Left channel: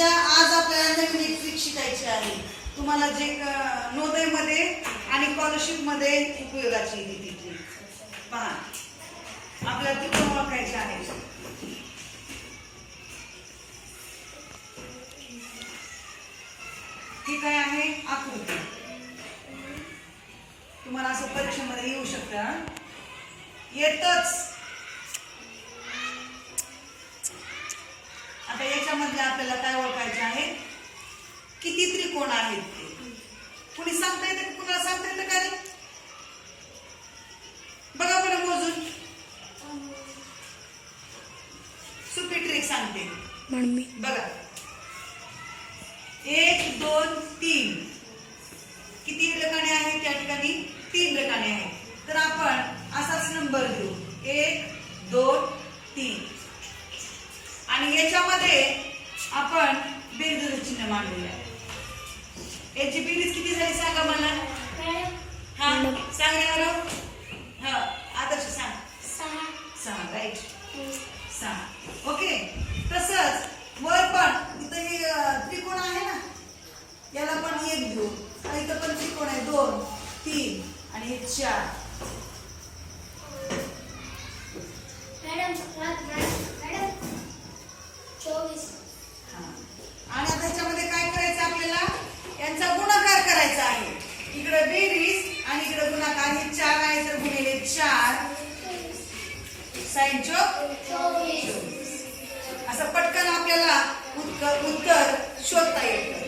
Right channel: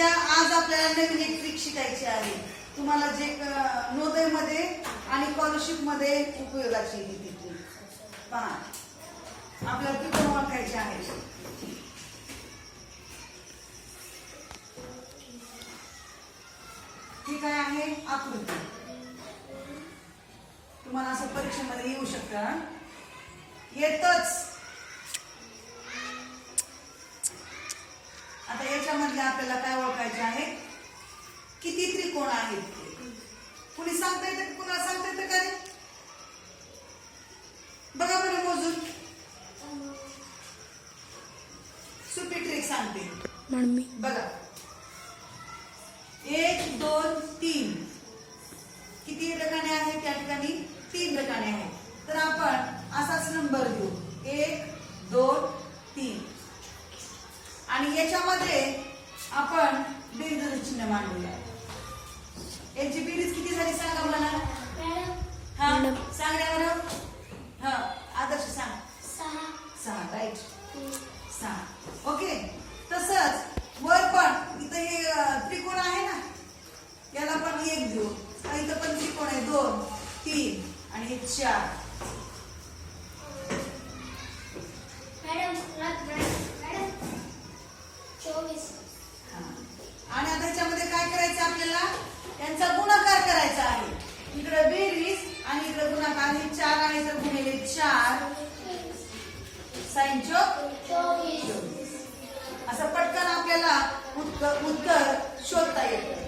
सध्या आज आपल्याला नवीन एक ट्रिक शिकायची आहे. तुम्हाला जे नवोदय मध्ये आणि स्कॉलरशिप मध्ये उपयोगाची आहे ती ट्रिक. पहा, आपल्याला त्रिकोण ओळखायचे आहे. ही काय आहे? आकृती. तुम्हाला असं परीक्षेमध्ये येऊ शकतं. येतच. आता याच्यामध्ये आपल्याला काय ओळखायचे आहे? किती त्रिकोण आहेत ते. कुणी सांगता येतं? कुणाला सांगता येतं का रे? बघा बरं मोजून. सोपी ट्रिक सांगते बघा. 1 2 3 किती रकाने आहेत त्या ठिकाणी? 3 रकाने आहेत. तर आपण असाच नंबर देऊ 1 2 3 आणि याच्यामध्ये आपण बेरीज चिन्ह मांडलेले आहे. याची बेरीज किती झाली सांगा मला. हा सांग रे बरं. हा आदर्श सांग. 6 राईट. 6 ओके. तसंच वर पण इथं हे त्रिकोण आहे ना, याला पण 1 देऊ आणि इथं पण त्रिकोण आहे 2 3 आणि 4. आणि आता ह्याच्यामध्ये काय करायचं आपल्याला? यांचा गुणाकार करायचा आहे. इकडे बेरीज आणि इकडे गुणाकार. हे 4 आहे तर गुणिले 4 साइन चौक 24. असं पटकन आपल्याला उत्तर शोधता येतं.